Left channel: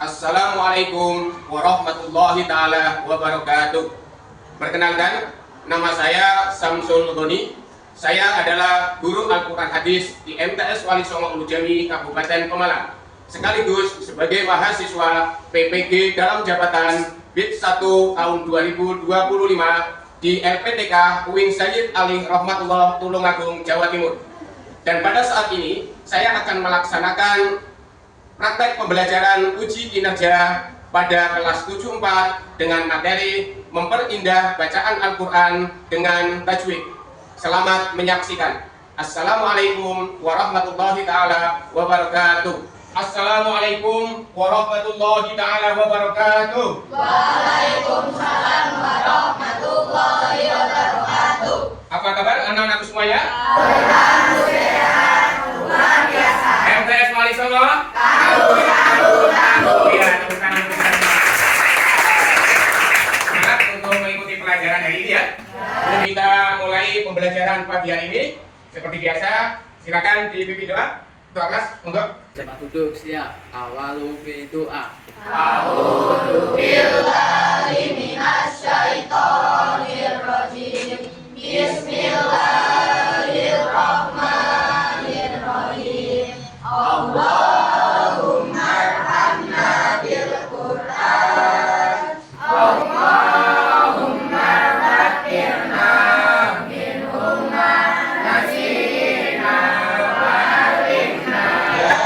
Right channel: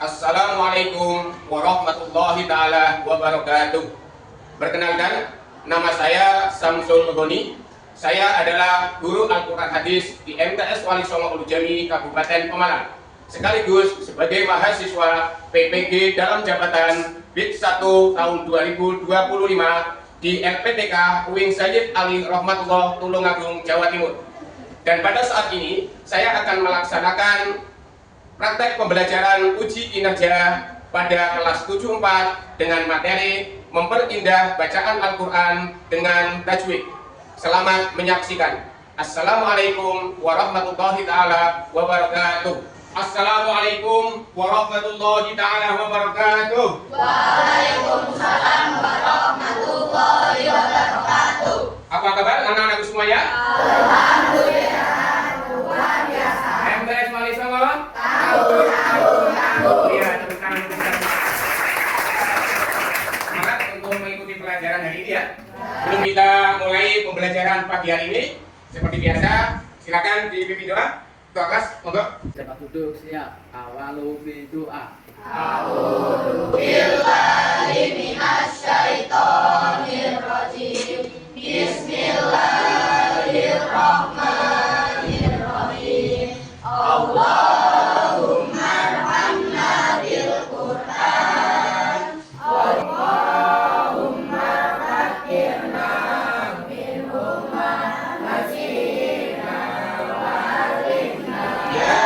Assalamualaikum warahmatullahi taala wabarakatuh. Perkenalkan, nama saya Samsul Ghani. Saya adalah guru Al-Quran Hadis di MTS Wali Songo Ulu Jami Kabupaten Pemalang, sekaligus sebagai mahasiswa PPG dalam jabatan BID 1 tahun 2025 di LPTK Uin Sayyid Ali Rahmatullah Tulungagung, Jawa Timur. Dan pada saat ini saya akan melaksanakan praktek pembelajaran uji kinerja pada kelas 74 dengan materi memperindah bacaan Al-Quran dengan tajwid. Selamat menyaksikan. Assalamualaikum warahmatullahi taala wabarakatuh. Assalamualaikum warahmatullahi taala wabarakatuh. Waalaikumsalam warahmatullahi wabarakatuh. Apa kabar anak-anakku semuanya? Alhamdulillah, luar biasa. MTS Wali Songo. Iya, tepuk tangan besar. Semangat untuk mengikuti pelajaran hari ini ya. Sebelum kita mulai pembelajaran pagi hari ini, seperti biasa, silakan dipimpin doa. Doa kelas, monggo. Cepat duduk, siap. Awalu bidu'a. A'udzu billahi minasyaitonir rajim. Bismillahirrahmanirrahim. Allahumma arhamna bil Qur'an. Allahumma fakkirna minhum ma nasina wa alimna. Ya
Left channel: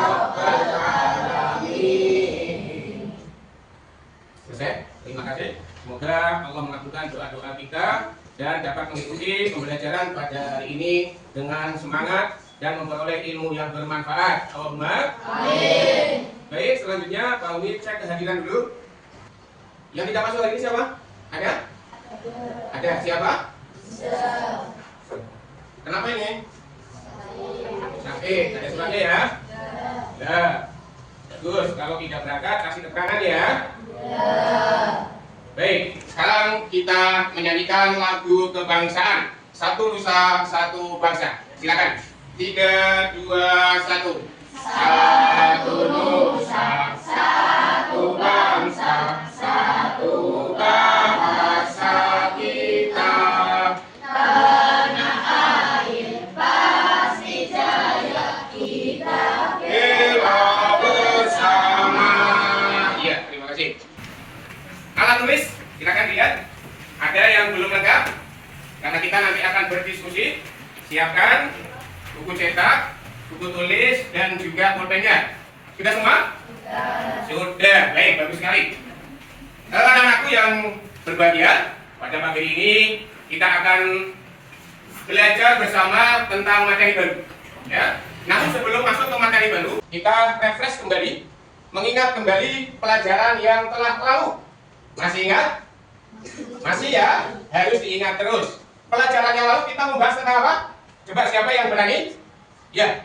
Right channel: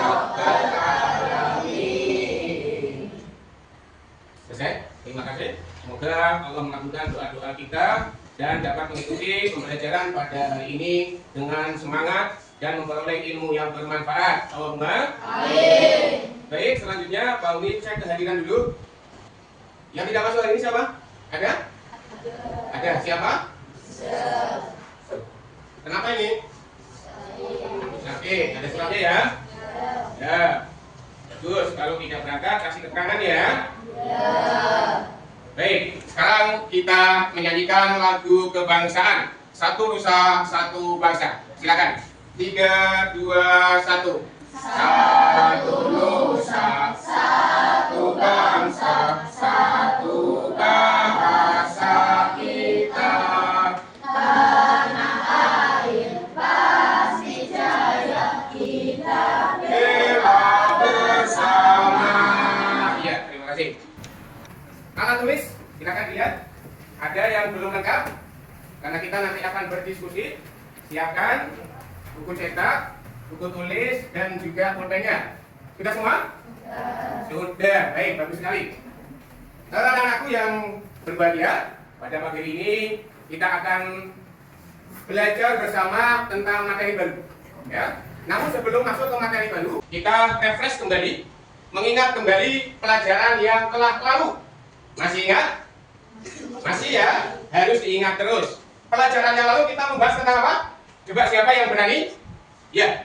Rabbal Alamin. Selesai? Terima kasih. Semoga Allah mengabulkan doa-doa kita dan dapat mengikuti pembelajaran pada hari ini dengan semangat dan memperoleh ilmu yang bermanfaat. Allahumma Amin. baik. Selanjutnya Pak Uni cek kehadiran dulu. Yang tidak masuk hari ini siapa? Ada? Ada. Siapa? Kenapa ini? Sakit. Ada suratnya ya? Ya. Bagus. Kalau tidak berangkat kasih keterangan ya. Baik, sekarang kita menyanyikan lagu kebangsaan. Satu Nusa, Satu Bangsa. Silakan. 3, 2, 1. Satu Nusa, Satu Bangsa, Satu bahasa kita. Tanah air pasti jaya kita. Bela bersama. Iya, terima kasih. Alat tulis, silakan lihat. Ada yang belum lengkap? Karena kita nanti akan berdiskusi. Siapkan buku cetak, buku tulis, dan juga pulpennya. Sudah semua? Sudah. Baik, bagus sekali. Anak-anakku yang berbahagia, pada pagi ini kita akan belajar bersama tentang materi baru. Ya. Namun sebelum masuk ke materi baru, kita refresh kembali, mengingat kembali pelajaran yang telah lalu. Masih ingat? Masih ya? Harus diingat terus. Pelajaran yang lalu kita membahas tentang apa? Coba siapa yang berani? Ya.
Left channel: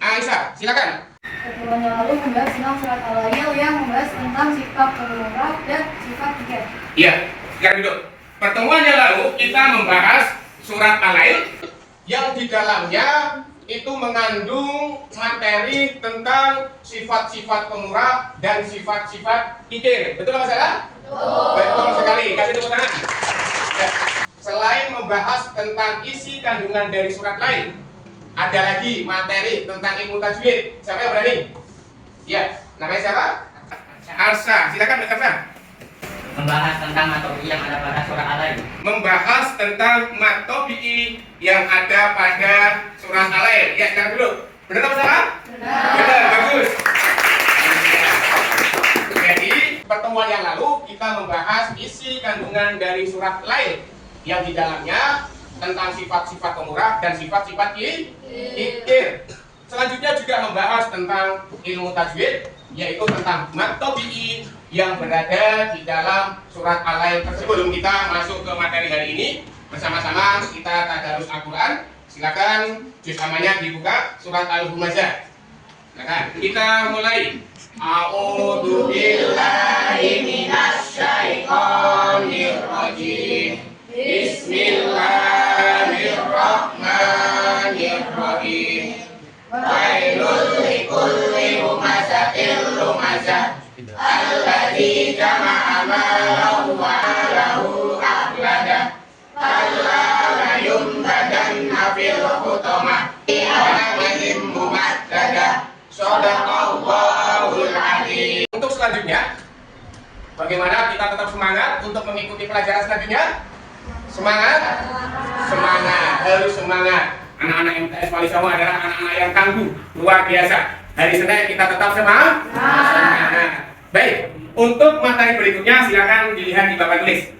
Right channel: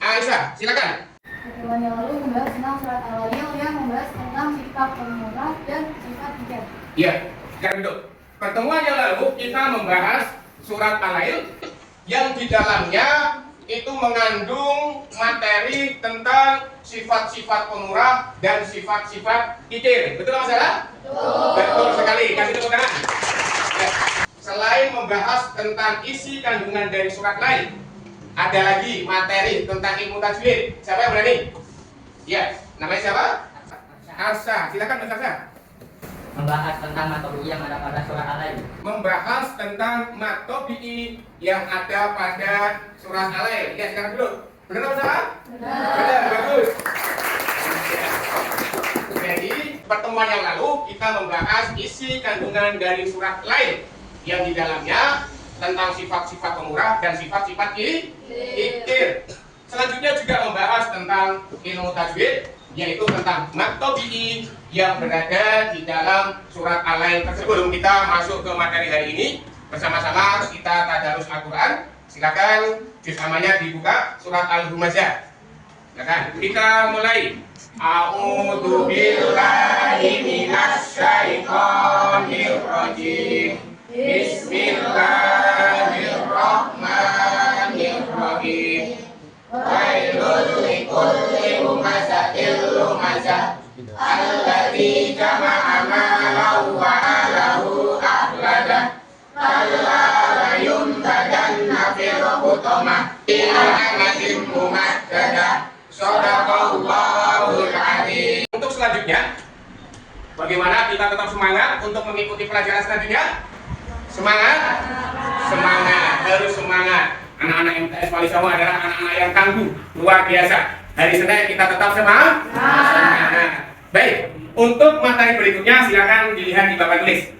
Aisyah, silakan. Pertemuan yang lalu membahas tentang surat Al-Lail yang membahas tentang sifat pemurah dan sifat pikir. Iya, sekarang duduk. Pertemuan yang lalu kita membahas surat Al-Lail yang di dalamnya itu mengandung materi tentang sifat-sifat pemurah dan sifat-sifat kikir. Betul Mas Sarah? Betul sekali. Kasih tepuk tangan. Ya. Selain membahas tentang isi kandungan dari surat lain, ada lagi materi tentang ilmu tajwid. Siapa yang berani? Ya, namanya siapa? Arsa. Silakan Mas Arsa. Membahas tentang materi yang ada pada surat Al-Lail. Membahas tentang matobi'i yang ada pada surat Al-Lail. Ya, sekarang dulu. Benar atau salah? Benar, bagus. Jadi, pertemuan yang lalu kita membahas isi kandungan dari surat lain yang di dalamnya tentang sifat-sifat pemurah dan sifat-sifat kikir. Selanjutnya juga membahas tentang ilmu tajwid, yaitu tentang matobi'i yang berada di dalam surat Al-Lail tersebut. Sebelum kita masuk ke materi hari ini, bersama-sama kita tadarus Al-Quran. Silakan juz amanya dibuka, surat Al-Humazah. Silakan kita mulai. A'udzu billahi minasyaitonir rajim. Bismillahirrahmanirrahim. Wailul likulli Alladzi jama'a malahu wa alahu akhlada. Kalla la yumbadanna fil hutamah. Amadim mumaddada. Shadaqallahul adzim. Untuk selanjutnya, bagaimana kita tetap semangat untuk mengikuti pelajaran selanjutnya? Semangat? Semangat, harus semangat. Anak-anak MTS Wali Songo adalah anak-anak yang tangguh, luar biasa. Hari Senin kita tetap semangat. Baik, untuk materi berikutnya silakan dilihat di papan tulis.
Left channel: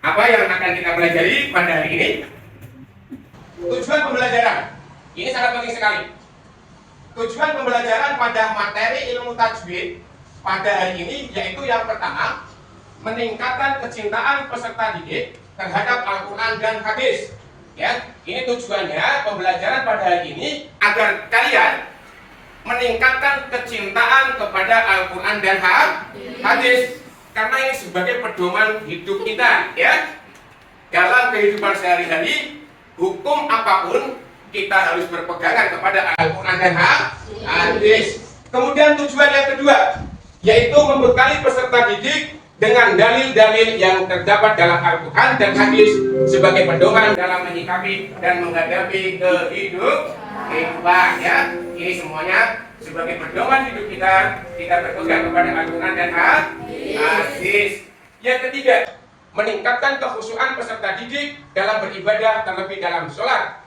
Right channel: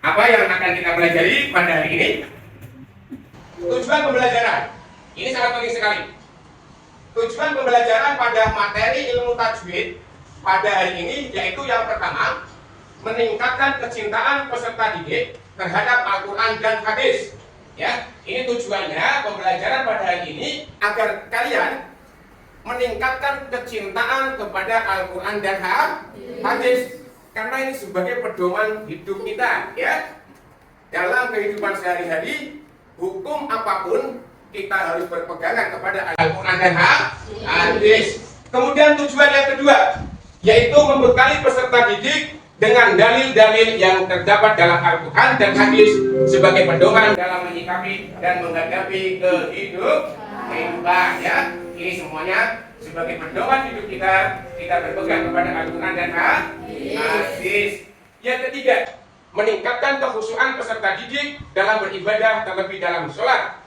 Apa yang akan kita pelajari pada hari ini? Tujuan pembelajaran. Ini sangat penting sekali. Tujuan pembelajaran pada materi ilmu tajwid pada hari ini yaitu yang pertama, meningkatkan kecintaan peserta didik terhadap Al-Quran dan hadis. Ya, ini tujuannya pembelajaran pada hari ini agar kalian meningkatkan kecintaan kepada Al-Quran dan hadis, karena ini sebagai pedoman hidup kita. Ya, dalam kehidupan sehari-hari, hukum apapun kita harus berpegangan kepada Al-Quran dan hadis. Kemudian tujuan yang kedua yaitu membekali peserta didik dengan dalil-dalil yang terdapat dalam Al-Quran dan hadis sebagai pedoman dalam menyikapi dan menghadapi kehidupan. Ya, ini semuanya sebagai pedoman hidup kita berpegang kepada Al-Quran dan hadis. Yang ketiga, meningkatkan kekhusyuan peserta didik dalam beribadah, terlebih dalam sholat,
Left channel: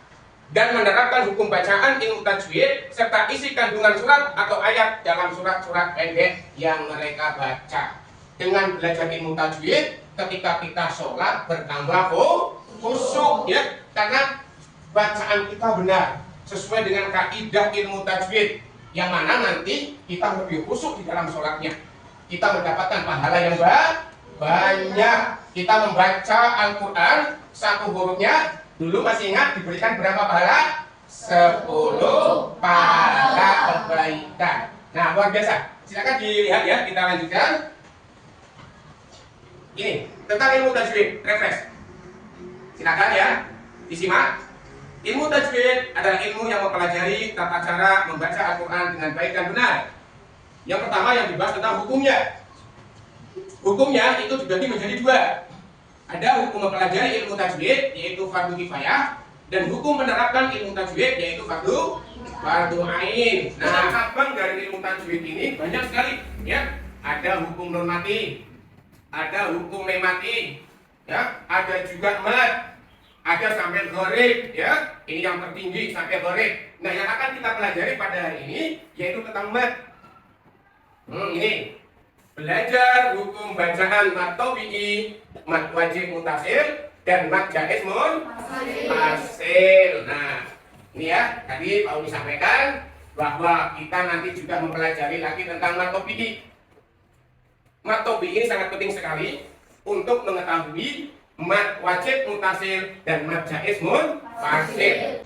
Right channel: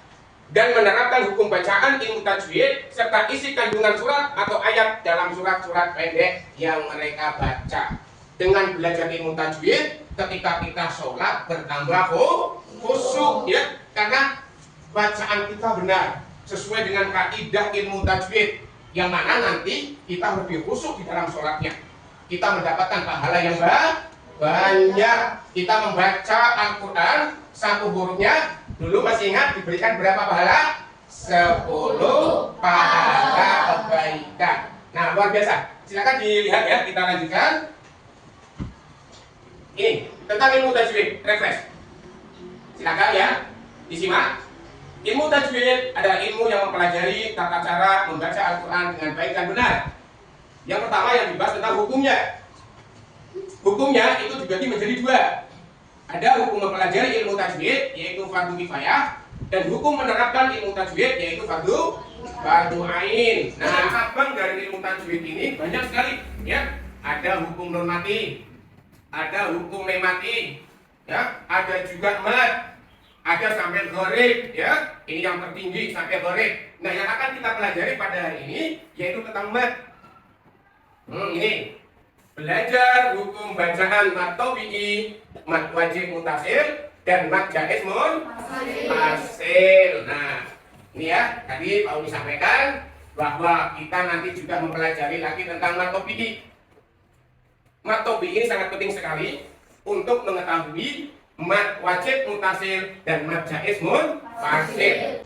dan menerapkan hukum bacaan ilmu tajwid serta isi kandungan surat atau ayat dalam surat-surat pendek yang mereka baca. Dengan belajar ilmu tajwid, ketika kita sholat bertambah khusyuk, ya, karena bacaan kita benar sesuai dengan kaidah ilmu tajwid, yang mana nanti kita lebih khusyuk di dalam sholatnya. Kita mendapatkan pahala yang banyak. Kita membaca Al-Quran satu hurufnya dulu masih ingat diberikan berapa pahala? 10 pahala kebaikan. Nah, luar biasa. Silakan dilihat ya, kita lanjutkan. Ini tentang ilmu tajwid, refresh. Silakan ya, disimak. Ilmu tajwid adalah ilmu yang mempelajari tata cara membaca Al-Quran dengan baik dan benar. Yang pertama yang dibahas tentang hukumnya. Hukumnya itu dibagi menjadi dua. Ada hukum mempelajari ilmu tajwid yaitu fardu kifayah, dan hukum menerapkan ilmu tajwid yaitu fardu ain. Nah, cabang dari ilmu tajwid ini banyak sekali, ya. Ada hukum normatif, ada hukum mematik, ya, ada juga mad, ada sampai gharib, ya. Ini yang tertinggi sampai gharib. Nah, yang akan kita pelajari pada hari ini yaitu tentang mad. Ini belajar hukum bacaan mad tabi'i, mad wajib mutasil, dan mad jaiz munfasil. Nah, ini ya, tadi Pak Uni sampaikan bahwa kita nanti juga mempelajari lagi tentang mad tabi'i. Mad tabi'i ini sangat penting sekali untuk mengetahui mad wajib mutasil dan mad jaiz munfasil.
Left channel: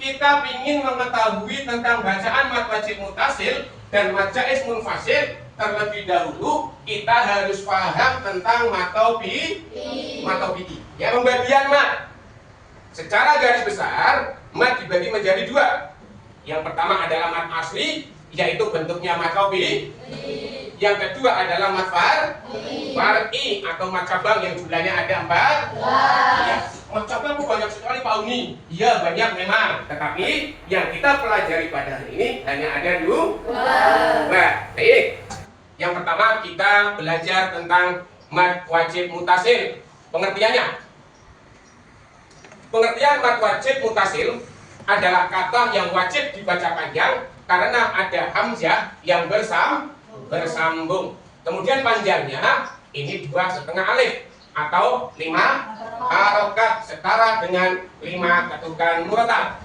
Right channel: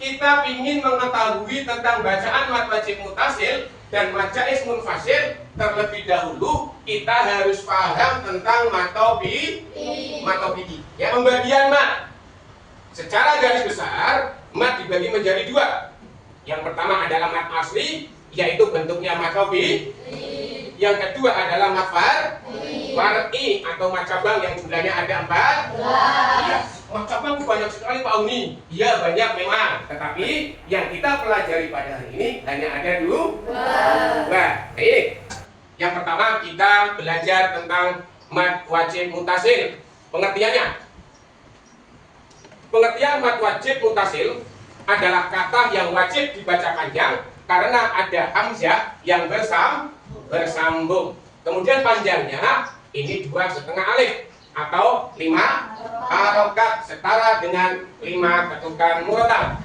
Kita ingin mengetahui tentang bacaan mad wajib mutasil dan mad jaiz munfasil, terlebih dahulu kita harus paham tentang mad tabi'i. Ya, pembagian mad. Secara garis besar, mad dibagi menjadi dua. Yang pertama adalah mad asli, yaitu bentuknya mad tabi'i. Yang kedua adalah mad far'i atau mad cabang yang jumlahnya ada 4. Ya, mad cabang banyak sekali Pak Uni. Iya, banyak memang. Tetapi yang kita pelajari pada hari ini hanya ada 2. Nah, ini yang pertama kita belajar tentang mad wajib mutasil. Pengertiannya. Pengertian mad wajib mutasil adalah kata yang wajib dibaca panjang karena ada hamzah yang bersambung. Kemudian panjangnya ini 2,5 alif atau 5 harokat setara dengan 5 ketukan murotal.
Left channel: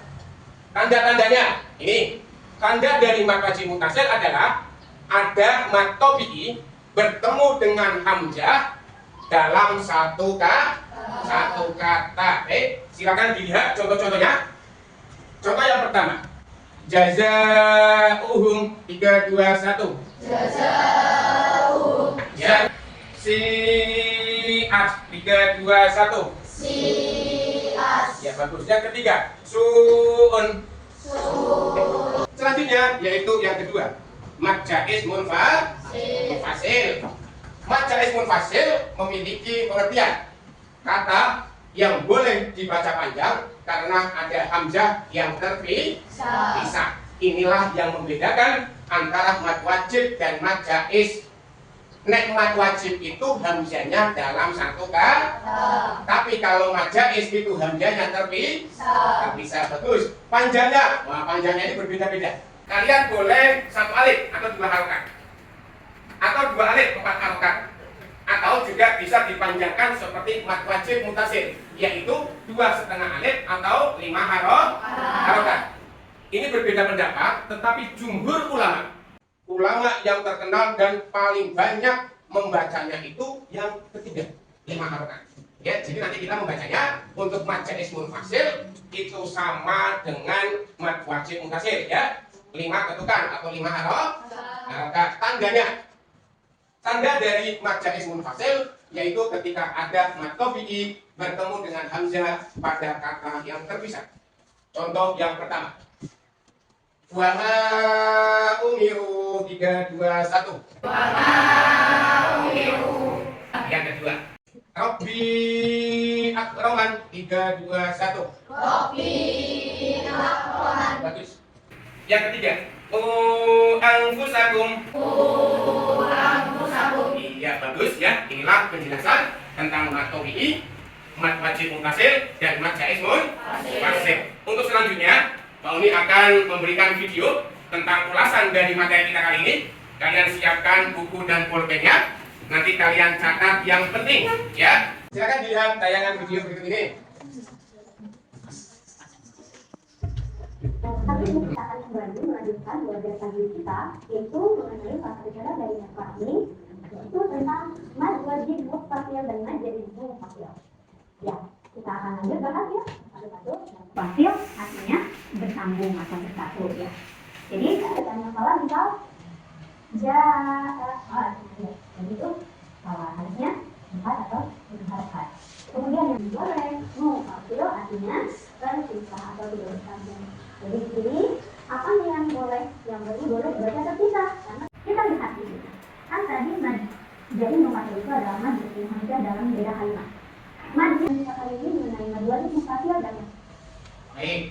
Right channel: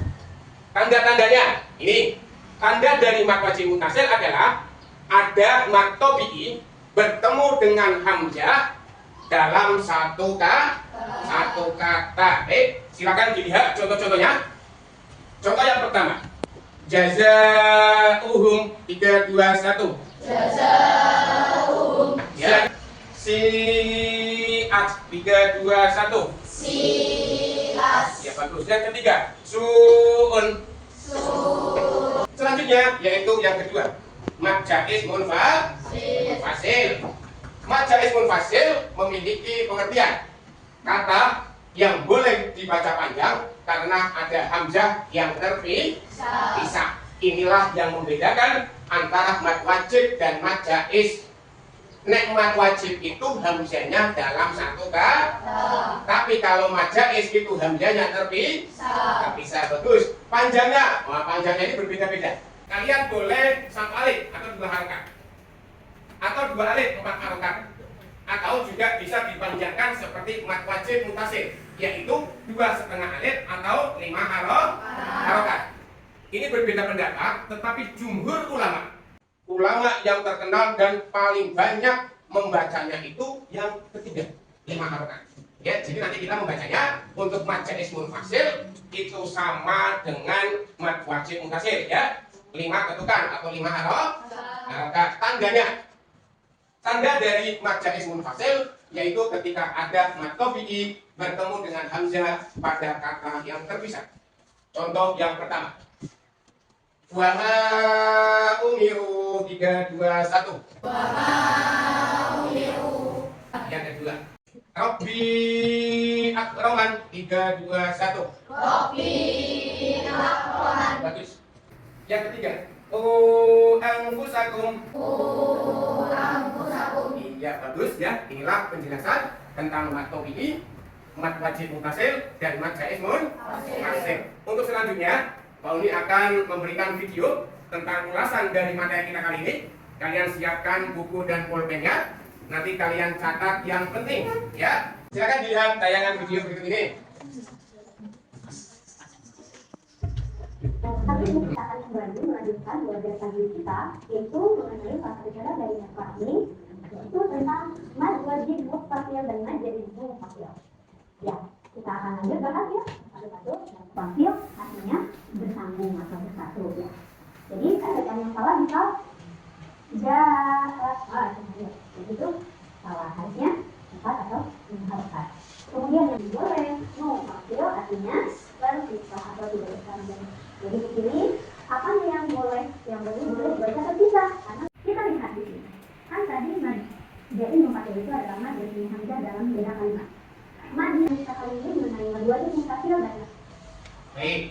Tanda-tandanya ini, tanda dari mad wajib mutasil adalah ada mad tabi'i bertemu dengan hamzah dalam satu kata. Silakan dilihat contoh-contohnya. Contoh yang pertama, jazaa'uhum 3, 2, 1. Jazaa'uhum. Ya. Si'at 3, 2, 1. Si'at. Ya, bagus. Yang ketiga, su'un. Selanjutnya yaitu yang kedua, mad jaiz munfasil. munfasil. Mad jaiz munfasil memiliki pengertian kata yang boleh dibaca panjang karena ada hamzah yang terpisah. Inilah yang membedakan antara mad wajib dan mad jaiz. Nek mad wajib itu hamzahnya dalam satu kata, tapi kalau mad jaiz itu hamzahnya terpisah. Bagus. Panjangnya, panjangnya ini berbeda-beda. Kalian boleh satu alif atau dua harokat, atau dua alif 4 harokat, atau juga bisa dipanjangkan seperti mad wajib mutasil, yaitu 2,5 alif atau 5 harokat. Ini berbeda pendapat, tetapi jumhur ulama yang terkenal dan paling banyak membacanya itu yang ketiga, 5 harokat. Ya, jadi nanti kita membacanya untuk mad jaiz munfasil itu sama dengan mad wajib mutasil, ya. 5 ketukan atau 5 harokat. Tanda dari mad jaiz munfasil yaitu ketika ada mad tabi'i bertemu dengan hamzah pada kata yang terpisah. Contoh yang pertama, wa ma umiru 3, 2, 1. Wa ma umiru. Yang kedua, Rabbi akraman 3, 2, 1. Rabbi akraman. Bagus. Yang ketiga, anfusakum. Anfusakum. Iya, bagus ya. Inilah penjelasan tentang mad tabi'i, mad wajib mutasil dan mad jaiz munfasil. Untuk selanjutnya, Pak Uni akan memberikan video tentang ulasan dari materi kita kali ini. Kalian siapkan buku dan pulpennya. Nanti kalian catat yang penting, ya. Silakan dilihat tayangan video berikut ini. Kami akan kembali melanjutkan belajar pagi kita, yaitu mengenai bahasa bicara dari kami, yaitu tentang mad wajib muttasil dan mad jaiz munfasil. Ya, kita akan lanjut bahas ya satu-satu. Munfasil artinya bersambung atau bersatu ya. Jadi ada kata yang salah misal jadi itu salah, harusnya 4 atau 5 harokat. Kemudian yang boleh munfasil artinya terpisah atau tidak bersambung. Jadi di sini apa yang boleh dibaca terpisah karena kita lihat di sini kan tadi mad jaiz munfasil itu adalah mad berarti hamzah dalam beda kalimat. Mad yang kita kali ini mengenai mad wajib munfasil banyak. Baik,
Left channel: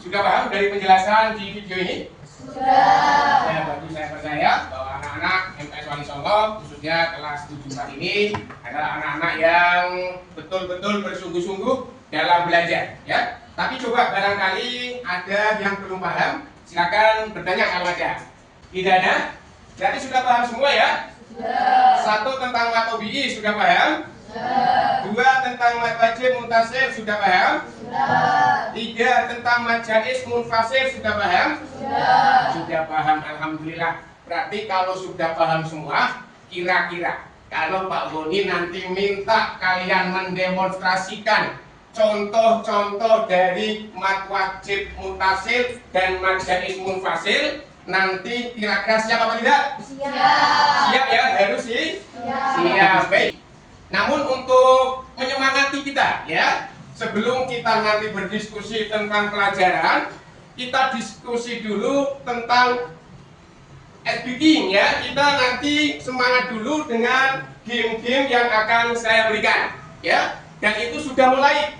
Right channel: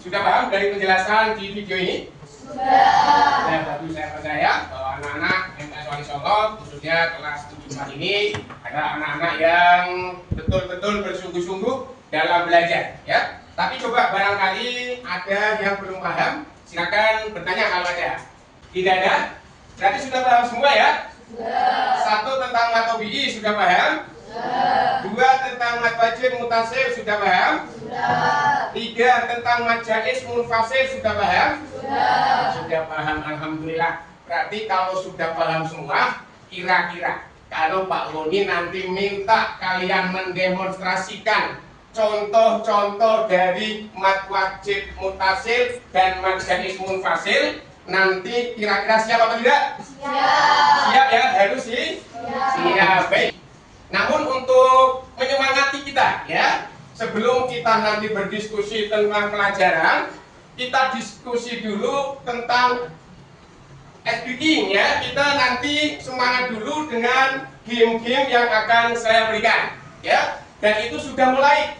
sudah paham dari penjelasan di video ini? Sudah. Ya, tadi saya percaya bahwa anak-anak MTS Wali Songo khususnya kelas 74 ini adalah anak-anak yang betul-betul bersungguh-sungguh dalam belajar, ya. Tapi coba barangkali ada yang belum paham, silakan bertanya kalau ada. Tidak ada? Berarti sudah paham semua ya? Sudah. 1 tentang mad tabi'i sudah paham? Sudah. 2 tentang mad wajib mutasil sudah paham? Sudah. 3 tentang mad jaiz munfasil sudah paham? Sudah. Sudah paham, alhamdulillah. Berarti kalau sudah paham semua, kira-kira kalau Pak Boni nanti minta kalian mendemonstrasikan contoh-contoh dari mad wajib mutasil dan mad jaiz munfasil, nanti kira-kira siap apa tidak? Siap. Siap ya, harus sih. Siap. Baik. Namun untuk menyemangati kita ya, sebelum kita nanti berdiskusi tentang pelajaran, kita diskusi dulu tentang speaking ya. Kita nanti semangat dulu dengan game-game yang akan saya berikan ya. Dan itu sudah mulai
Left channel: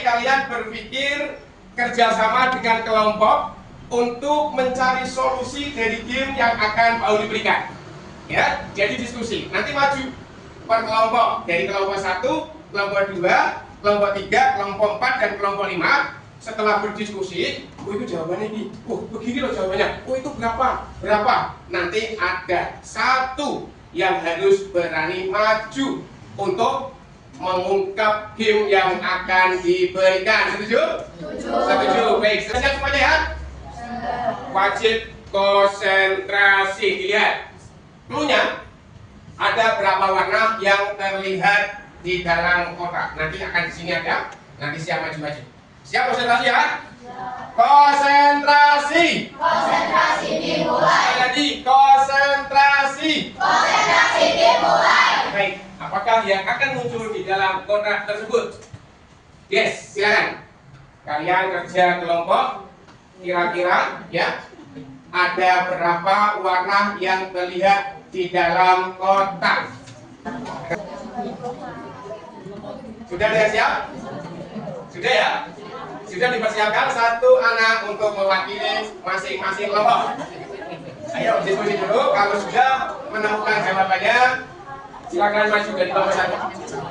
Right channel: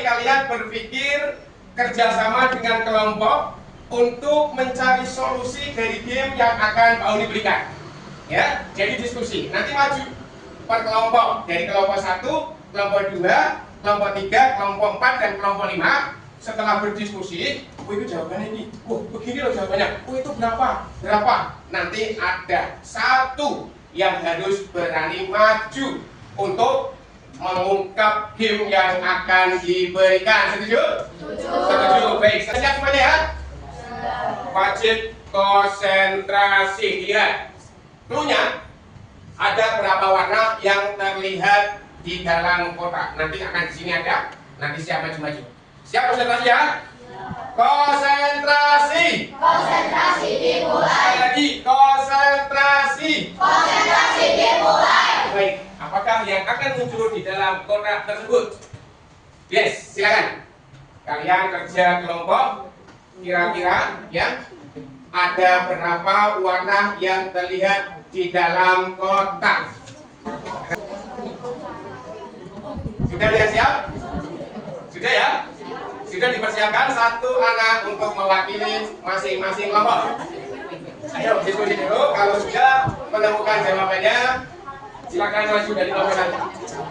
kalian berpikir kerjasama dengan kelompok untuk mencari solusi dari game yang akan Pak Uni berikan ya. Jadi diskusi nanti maju per kelompok, dari kelompok 1, kelompok 2, kelompok 3, kelompok 4 dan kelompok 5. Setelah berdiskusi, itu jawabannya ini, begini loh jawabannya, itu berapa, nanti ada satu yang harus berani maju untuk mengungkap game yang akan diberikan. Setuju? Setuju. Baik, siap semuanya ya? Wajib konsentrasi. Lihat, cluenya ada berapa warna yang terlihat di dalam kotak. Nanti akan di sini ada. Nanti siap maju-maju. Siap konsentrasi ya? Konsentrasi. Konsentrasi dimulai. Jadi konsentrasi. Konsentrasi dimulai. Baik, apakah yang akan muncul di dalam kotak tersebut? Yes, silakan. Kalian kerja kelompok, kira-kira ya. ada berapa warna yang terlihat di dalam kotak? Sudah lihat siap? Sudah ya? Sudah dipersiapkan satu anak untuk mewakili masing-masing kelompok. Ayo diskusi dulu. Kalau sudah menemukan jawabannya, silakan maju dari kelompok satu.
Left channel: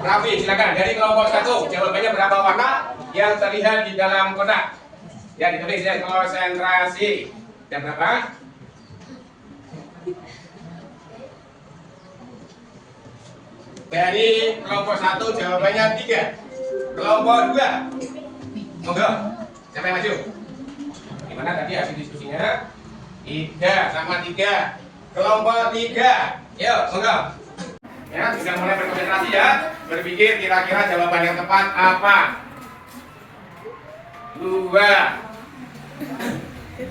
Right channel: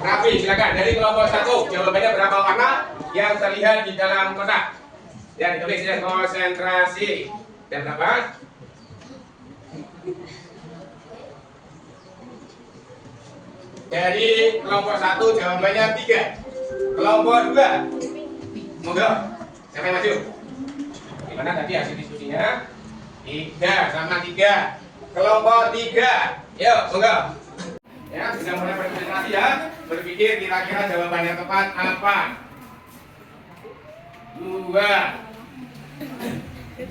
Raffi, silakan dari kelompok satu. Jawabannya berapa warna yang terlihat di dalam kotak? Ya, ditulis ya, konsentrasi. Dan berapa? Dari kelompok satu jawabannya 3. Kelompok 2. Monggo. Siapa yang maju? Gimana tadi hasil diskusinya? 3 sama 3. Kelompok 3. Yuk, monggo. Ya, sudah mulai berkonsentrasi ya. Berpikir kira-kira jawaban yang tepat apa? 2.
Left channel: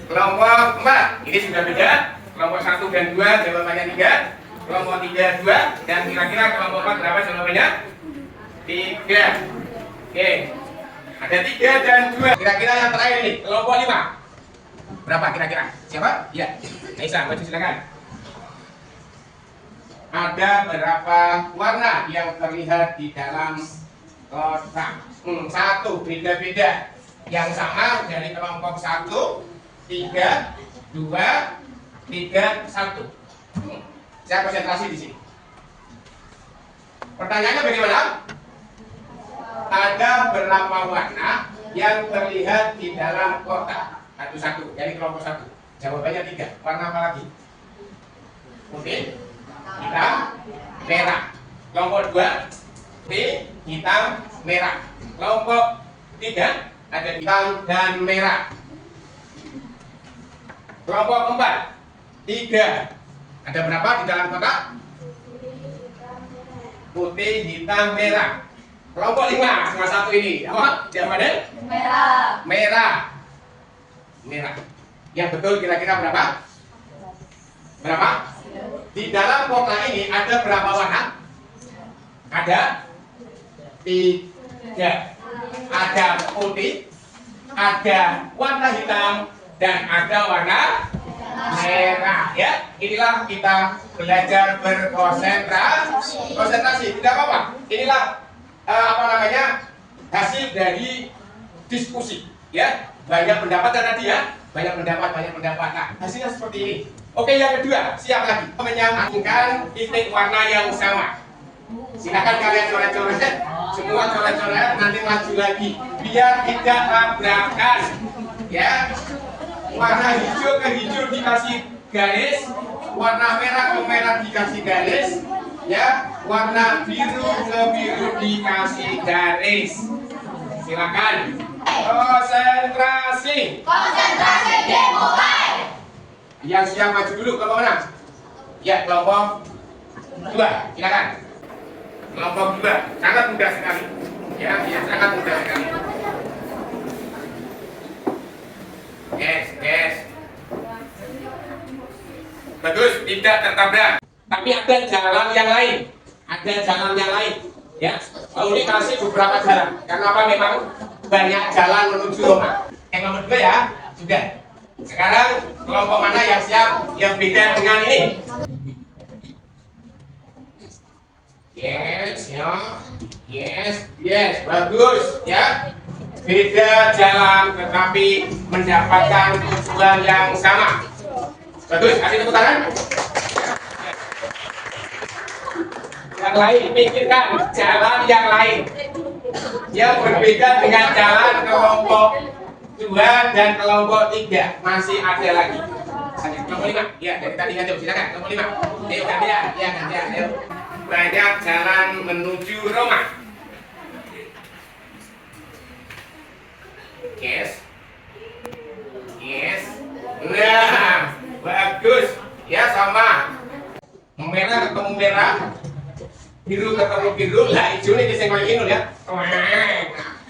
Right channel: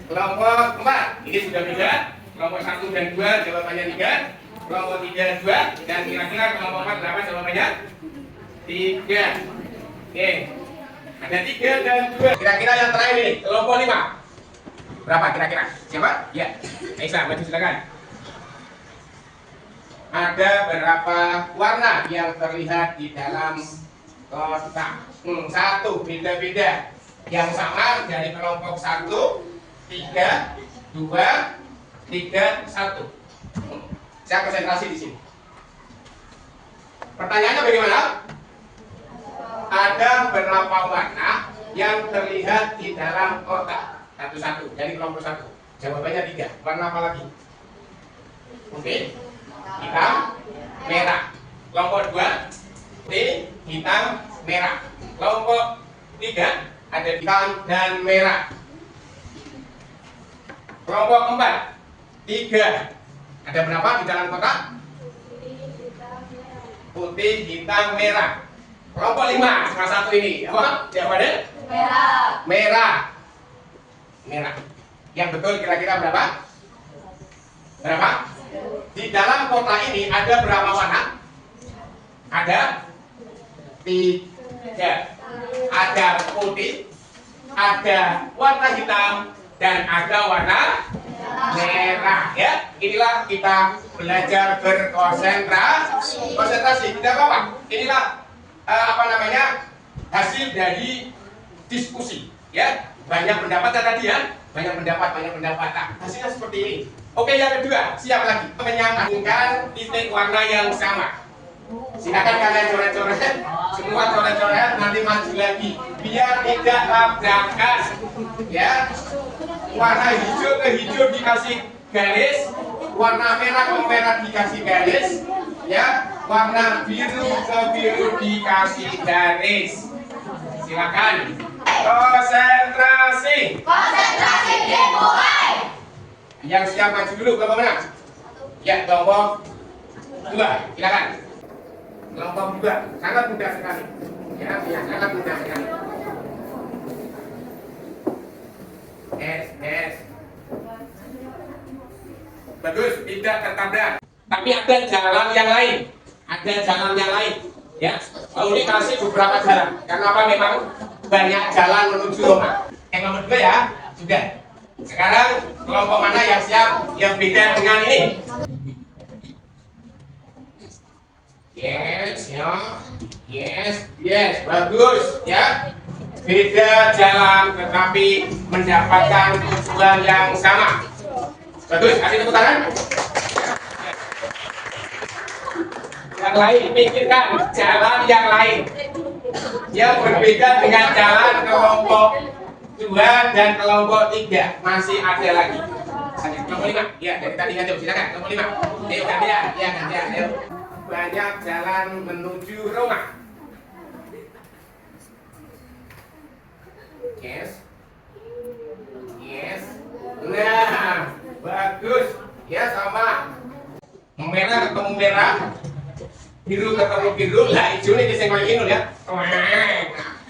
Kelompok 4, ini sudah beda. Kelompok 1 dan 2 jawabannya 3. Kelompok 3, 2. Dan kira-kira kelompok 4 berapa jawabannya? 3. Oke. Ada 3 dan 2. Kira-kira yang terakhir ini, kelompok 5. Berapa kira-kira? Siapa? Ya. Aisyah, maju silakan. Ada berapa warna yang terlihat di dalam kotak? 1, beda-beda. Yang sama dari kelompok 1, 3, 2, 3, 1. Saya konsentrasi di sini. Pertanyaannya bagaimana? Ada berapa warna yang terlihat di dalam kotak? Satu-satu dari kelompok 1. Jawabannya 3. Warna apa lagi? Putih, hitam, merah. Kelompok 2, putih, hitam, merah. Kelompok 3 ada hitam dan merah. Kelompok 4, 3. Ada berapa di dalam kotak? Putih, hitam, merah. Kelompok 5, salah satu ini. Apa? Jawabannya? Merah. Merah. Merah. Yang betul kira-kira berapa? Berapa? Di dalam kotak ini ada berapa warna? Ada 3. Ada putih, ada warna hitam, dan ada warna merah. Ya, inilah kita belajar berkonsentrasi. Konsentrasi, tidak apa-apa. Inilah hasil dari diskusi. Ya, banyak pendapat tadi ya, banyak pendapat. Nah, hasilnya seperti ini. Oke, yang kedua, siap lagi menyambungkan titik warna yang sama. Silakan kalian coret-coret, semua coret-coret, nanti maju lagi biar tidak tabrakan. Ya, warna hijau ke hijau dikasih garis, warna merah ke merah dikasih garis, ya, warna biru ke biru dikasih garis. Silakan konsentrasi. Konsentrasi dimulai. Yang siap maju dulu, kelompok mana? Ya, kelompok 2, silakan. Kelompok 2, sangat mudah sekali. Ya, sangat mudah sekali. Yes. Bagus, tidak tertabrak. Tapi ada jalan yang lain. Ya, ini kasih beberapa jalan. Karena apa? Memang banyak jalan menuju Roma. Yang nomor 2 ya, sudah. Sekarang kelompok mana yang siap yang beda dengan ini? Yes, bagus ya. Beda jalan tetapi mendapatkan tujuan yang sama. Bagus, kasih tepuk tangan. Yang lain, pikirkan jalan yang lain yang berbeda dengan jalan kelompok 2 dan kelompok 3. Masih ada lagi. Kelompok 5, ya dari tadi aja, silakan kelompok 5. Ayo gantian, ayo. Banyak jalan menuju Roma. Yes. Nah, bagus. Ya, sama. Merah ketemu merah, biru ketemu biru, lah hijau ini disenggol ini ya.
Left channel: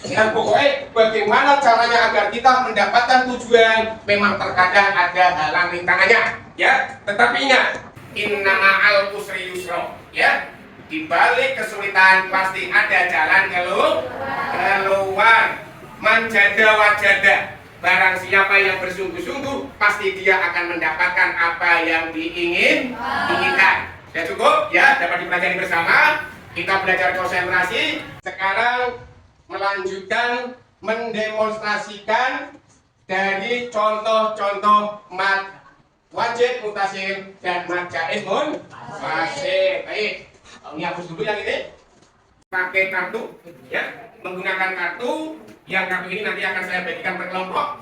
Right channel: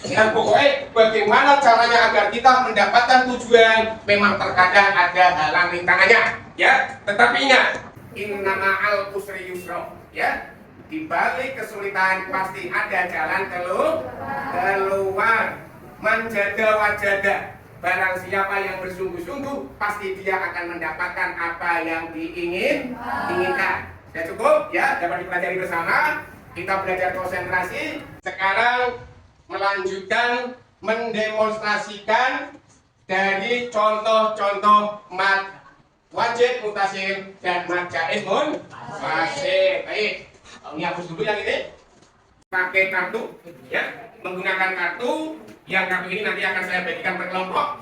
Dan pokoknya bagaimana caranya agar kita mendapatkan tujuan, memang terkadang ada halang rintangannya, ya. Tetapi ingat, inna ma'al usri yusra, ya. Di balik kesulitan pasti ada jalan keluar. Manjada wajada. Barang siapa yang bersungguh-sungguh, pasti dia akan mendapatkan apa yang diinginkan. Sudah cukup ya, dapat dipelajari bersama. Kita belajar konsentrasi. Sekarang melanjutkan mendemonstrasikan dari contoh-contoh mat wajib mutasil dan mat jaiz munfasil. Baik, ini hapus dulu yang ini. Pakai kartu, ya, menggunakan kartu. Yang kartu ini nanti akan saya bagikan per kelompok.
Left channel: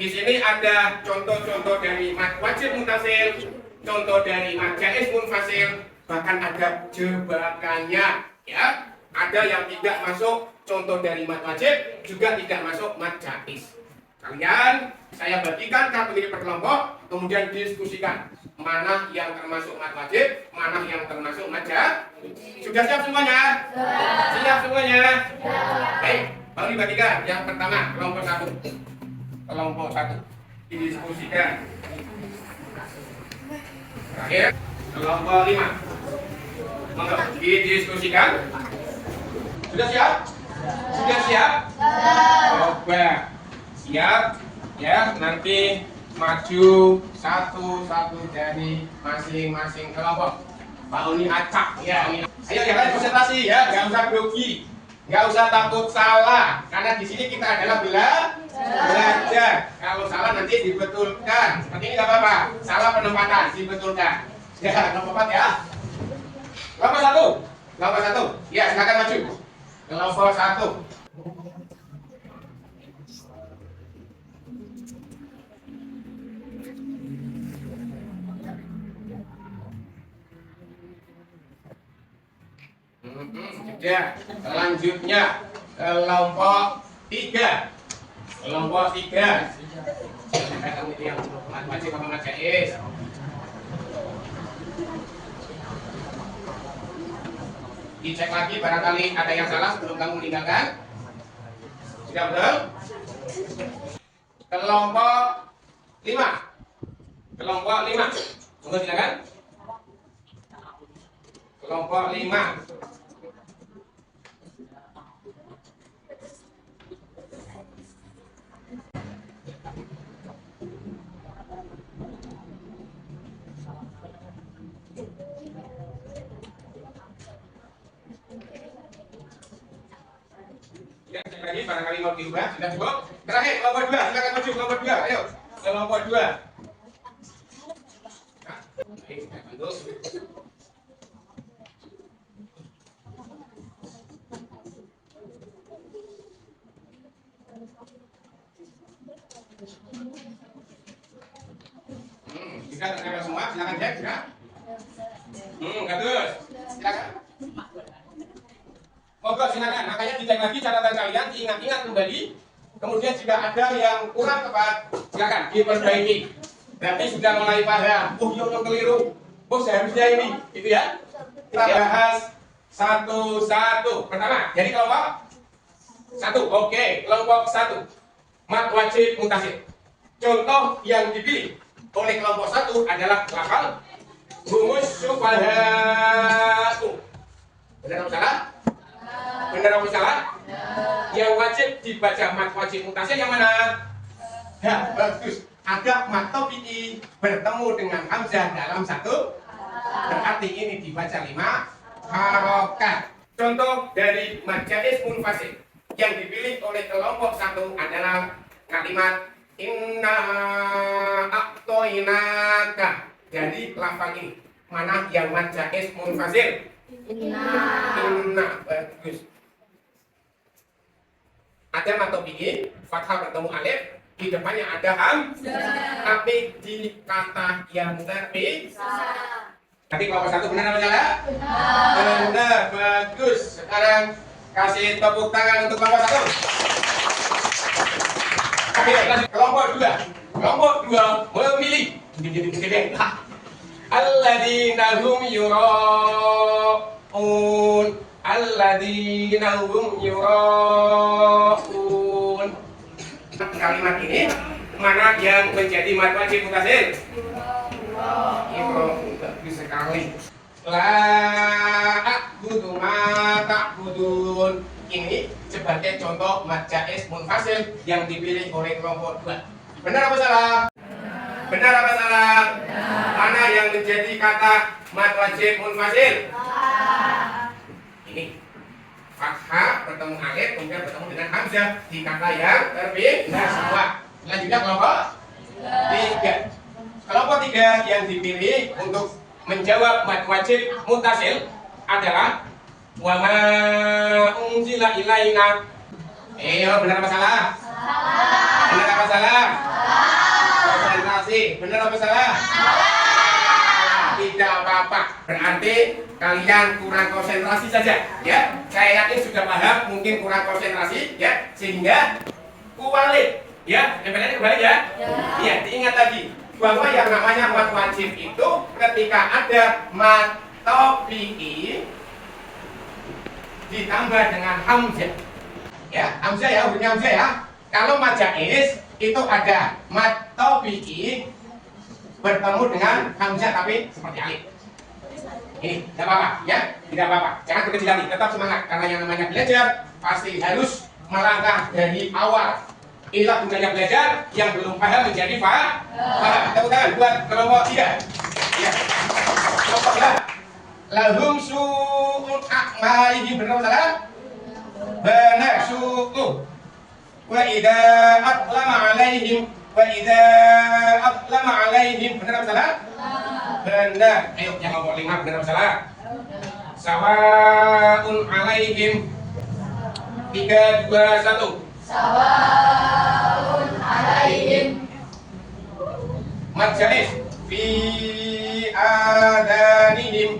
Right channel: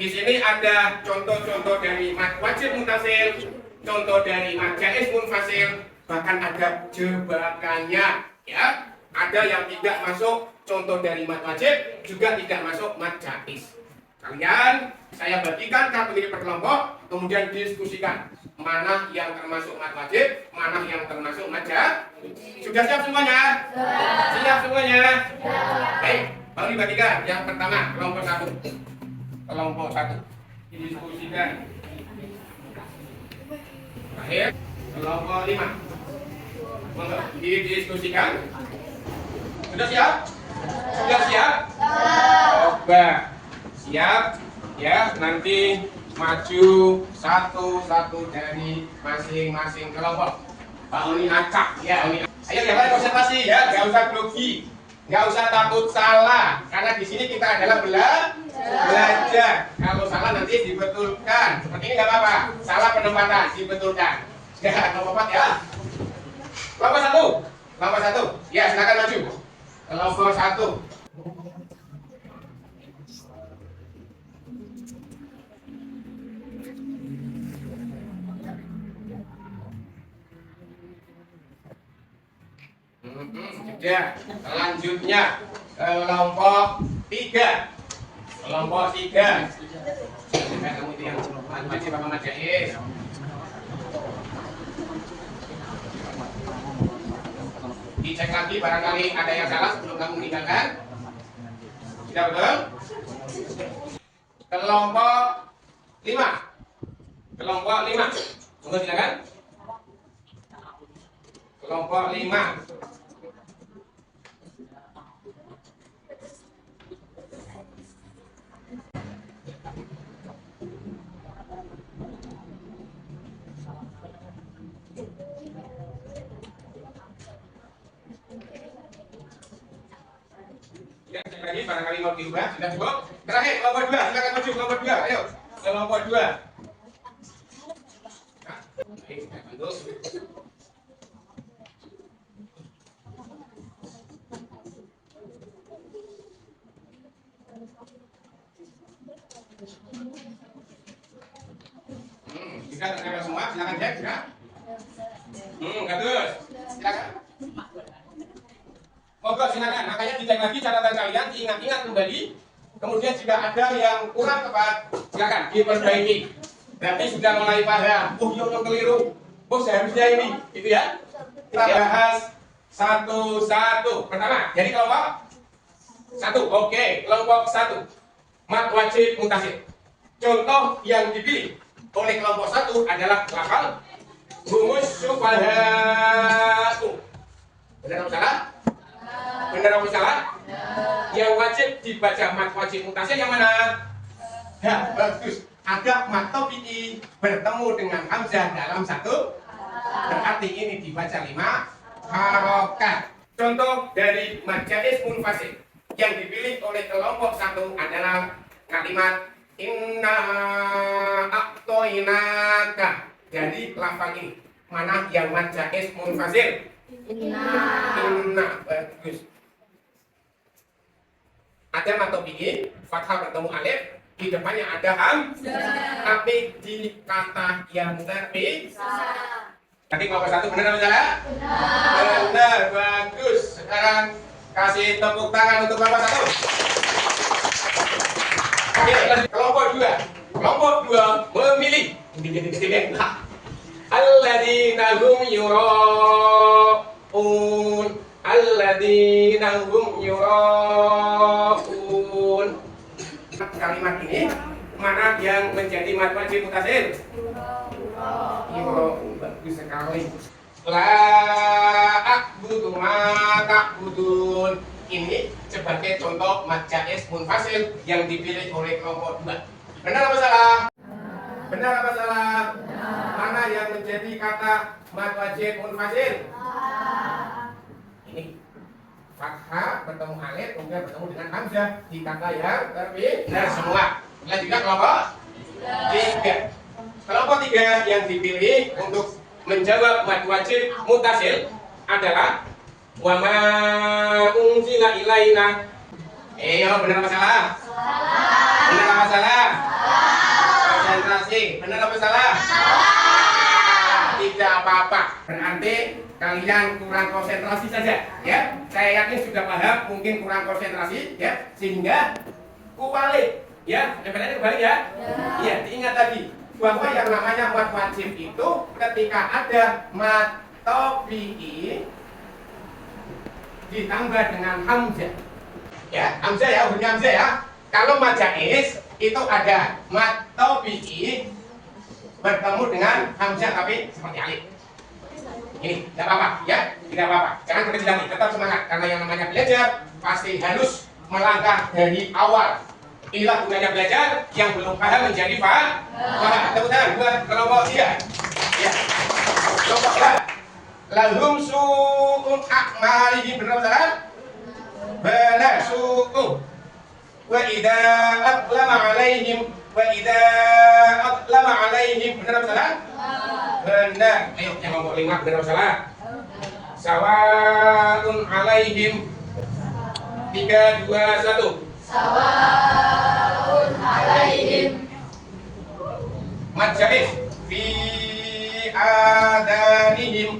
Di sini ada contoh-contoh dari mat wajib mutasil, contoh dari mat jaiz munfasil, bahkan ada jebakannya, ya. Ada yang tidak masuk contoh dari mat wajib, juga tidak masuk mat jaiz. Kalian saya bagikan kartu ini per kelompok, kemudian diskusikan mana yang termasuk mat wajib, mana yang termasuk mat jaiz. Sudah siap semuanya? Siap semuanya? Baik, baru dibagikan. Yang pertama, kelompok 1. Kelompok 1 didiskusikan. Terakhir, kelompok 5. Monggo didiskusikan. Sudah siap? Sudah siap? Coba siap ya, nanti maju satu-satu dari masing-masing kelompok. Pak Oni acak ya, Oni. Ayo ya, kalian konsentrasi ya, nggak usah grogi, nggak usah takut salah, karena di sini kita adalah belajar. Kalau salah nanti dibetulkan. Seperti ini nggak apa-apa, salah penempatan dibetulkan. Ya, nggak apa-apa ya. Kelompok 1, kelompok 1, ya silakan maju. Kelompok 1. Sudah, selanjutnya kelompok 3. Kelompok 3. Kamu itu yang wajib apa mat jaiz? Dicek lagi barangkali ada yang salah sebelum kamu meninggalkan. Sudah betul? Kelompok 5. Kelompok 5. Tunggu silakan. Kelompok 5. Ya, lagi barangkali mau diubah, sudah cukup. Terakhir kelompok 2, silakan maju kelompok 2. Ayo, kelompok 2. Nah, baik, saya bantu. Bisa tercapai semua, silakan cek, ya. Bagus. Silakan. Monggo silakan, makanya dicek lagi catatan kalian, diingat-ingat kembali. Kemudian jika ada yang kurang tepat, silakan diperbaiki. Berarti sudah mulai paham. Oh, yang keliru. Oh, seharusnya ini, gitu ya. Kita bahas satu-satu. Pertama, jadi kelompok 1. Oke, kelompok 1. Mat wajib mutasil. Contoh yang dipilih oleh kelompok 1 adalah lafal rumus syufahatu. Benar atau salah? Benar atau salah? Yang wajib dibaca mat wajib mutasil yang mana? Ya, bagus. Ada mat topi'i bertemu dengan hamzah dalam satu, berarti ini dibaca 5 harokat. Contoh dari mat jaiz munfasil yang dipilih oleh kelompok 1 adalah kalimat inna a'toinaka. Jadi lafal ini mana yang mat jaiz munfasil? Inna. Bagus. Ada mat topi'i, fathah bertemu alif, di depannya ada hamzah, tapi di kata yang terpisah. Nanti kelompok 1 benar atau salah? Benar. Bagus. Sekarang kasih tepuk tangan untuk kelompok 1. Oke, kelompok 2. Kelompok 2 memilih alladzina hum yura'un. Alladzina hum yura'un. Kalimat ini mana yang menjadi mat wajib mutasil? Bagus sekali. La a'budu ma ta'budun. ini sebagai contoh mad jaiz munfasil yang dipilih oleh kelompok 2. Benar apa salah? Benar apa salah? Mana yang menjadi kata mad wajib munfasil? Ini fathah bertemu alif kemudian bertemu dengan hamzah di kata yang terpilih semua. Selanjutnya kelompok 3. Kelompok 3 yang dipilih untuk menjawab mad wajib muttasil adalah wa ma unzila ilaina. Benar apa salah? Benar apa salah? Konsentrasi. Benar apa salah? Tidak apa-apa. Berarti kalian kurang konsentrasi saja, ya. Saya yakin sudah paham, mungkin kurang konsentrasi, ya. Sehingga kualik, ya. Yang kembali ya. Iya, diingat tadi bahwa yang namanya mad wajib itu ketika ada mad tabi'i ditambah dengan hamzah. Ya, hamzah ya, hurufnya hamzah ya. Kalau mad jaiz itu ada mad tabi'i bertemu dengan hamzah tapi seperti alif. Ini tidak apa-apa ya, tidak apa-apa. Jangan berkecil hati, tetap semangat karena yang namanya belajar pasti harus melangkah dari awal. Inilah gunanya belajar, yang belum paham menjadi paham. Tepuk tangan buat kelompok 3. Ya. Kelompok 3. Lahum su'ul a'malihim, benar salah? Benar, su'u. Wa idza aqlama 'alaihim benar salah? Benar. Ayo yang kelompok 5 benar salah? Sawa'un 'alaihim. 3 2 1. Sawaun alaihim. Mad jaiz fi adanihim.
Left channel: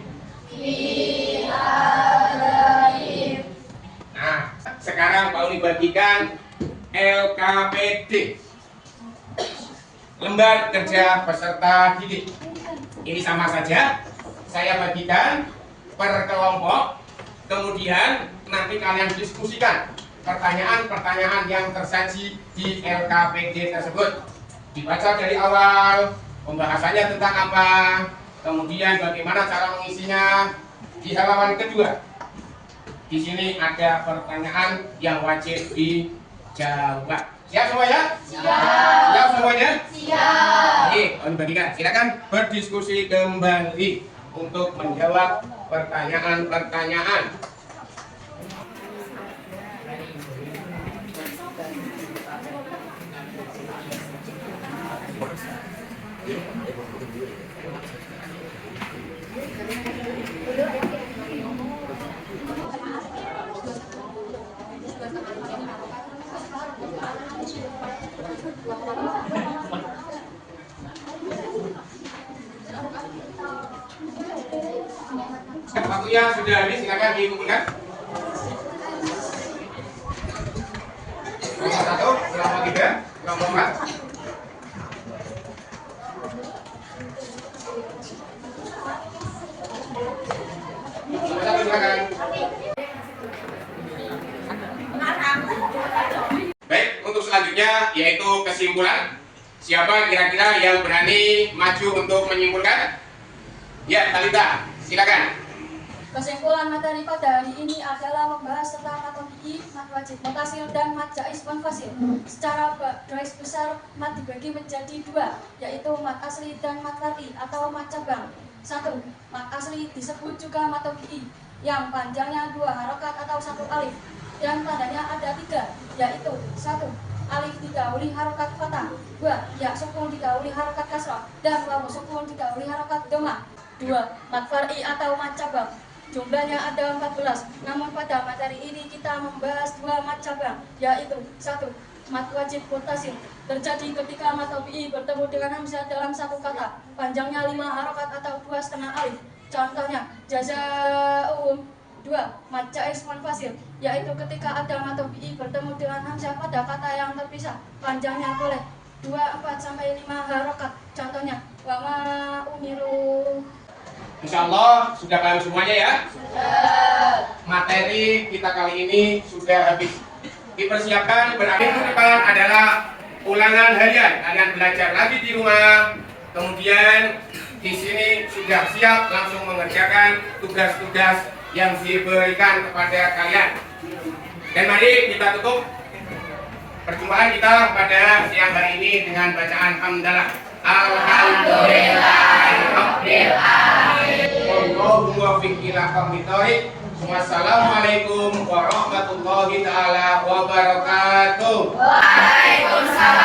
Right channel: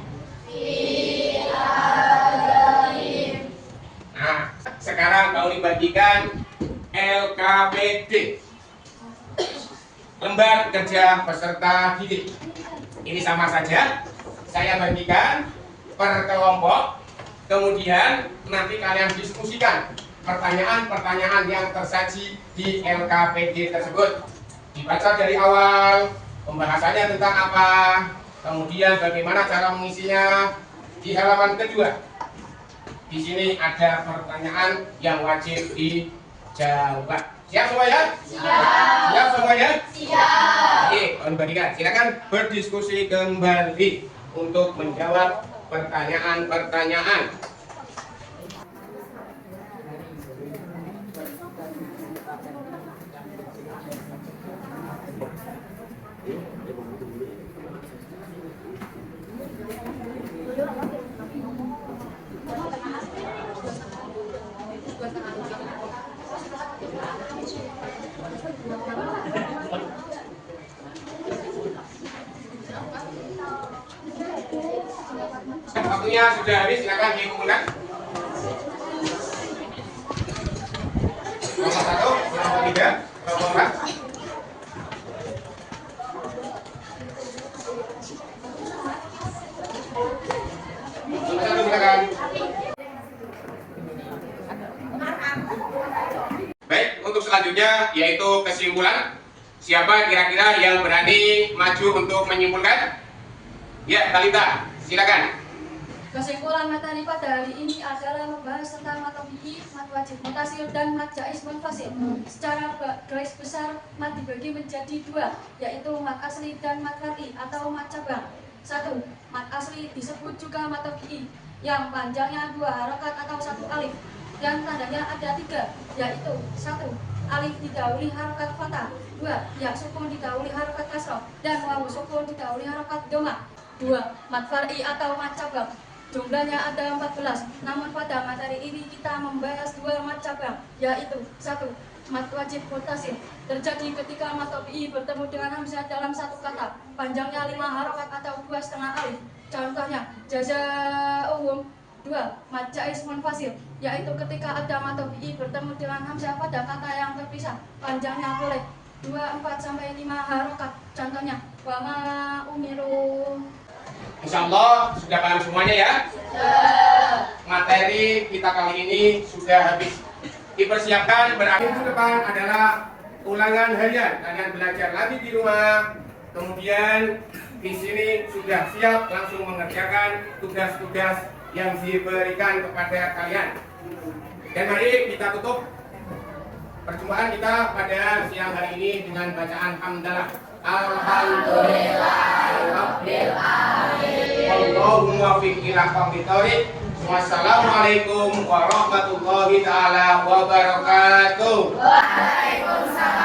Nah, sekarang Pak Uli bagikan LKPD, lembar kerja peserta didik. Ini sama saja, saya bagikan per kelompok, kemudian nanti kalian diskusikan pertanyaan-pertanyaan yang tersaji di LKPD tersebut. Dibaca dari awal, pembahasannya tentang apa, kemudian bagaimana cara mengisinya. Di halaman kedua, di sini ada pertanyaan yang wajib dijawab. Siap semuanya? Siap semuanya? Siap. Oke, kembalikan. Silakan berdiskusi kembali untuk menjawab pertanyaan-pertanyaan. Waktunya sudah habis, silakan dimulai. Nomor 1, nomor 3, nomor 4. Silakan. Baik, untuk selanjutnya yaitu kesimpulan. Siapa kira-kira yang berani maju untuk menyimpulkan? Ya, Talita, silakan. Kesimpulan materi pada hari ini adalah membahas tentang mad tabi'i, mad wajib muttasil, dan mad jaiz munfasil. Secara garis besar, mad dibagi menjadi 2, yaitu mad asli dan mad far'i atau mad cabang. 1. Mad asli disebut juga mad tabi'i, yang panjangnya 2 harokat atau 1 alif, dan tandanya ada 3, yaitu 1. Alif didahului harokat fathah, 2. Ya sukun didahului harokat kasrah, dan wawu sukun didahului harokat dhammah. 2. Mad far'i atau mad cabang. Jumlahnya ada 14, namun pada materi ini kita membahas 2 mad cabang, yaitu 1. Mad wajib muttasil, terjadi ketika mad tabi'i bertemu dengan hamzah dalam satu kata, panjangnya 5 harokat atau 2,5 alif. Contohnya, jazaa'uhum. 2. Mad jaiz munfasil, yaitu ketika ada mad tabi'i bertemu dengan hamzah pada kata yang terpisah, panjangnya boleh 2, 4 sampai 5 harokat. Contohnya, wa ma umiru. Insyaallah sudah paham semuanya ya. Materi kita kali ini sudah habis. Dipersiapkan, berarti minggu depan adalah ulangan harian. Kalian belajar lagi di rumah. Kemudian di sini sudah siap langsung mengerjakan tugas-tugas yang diberikan kepada kalian. Dan mari kita tutup perjumpaan kita pada siang hari ini dengan bacaan hamdalah. Alhamdulillahirabbil alamin. Wallahu muwaffiq ila aqwamit thoriq. Wassalamualaikum warahmatullahi taala wabarakatuh. Waalaikumsalam.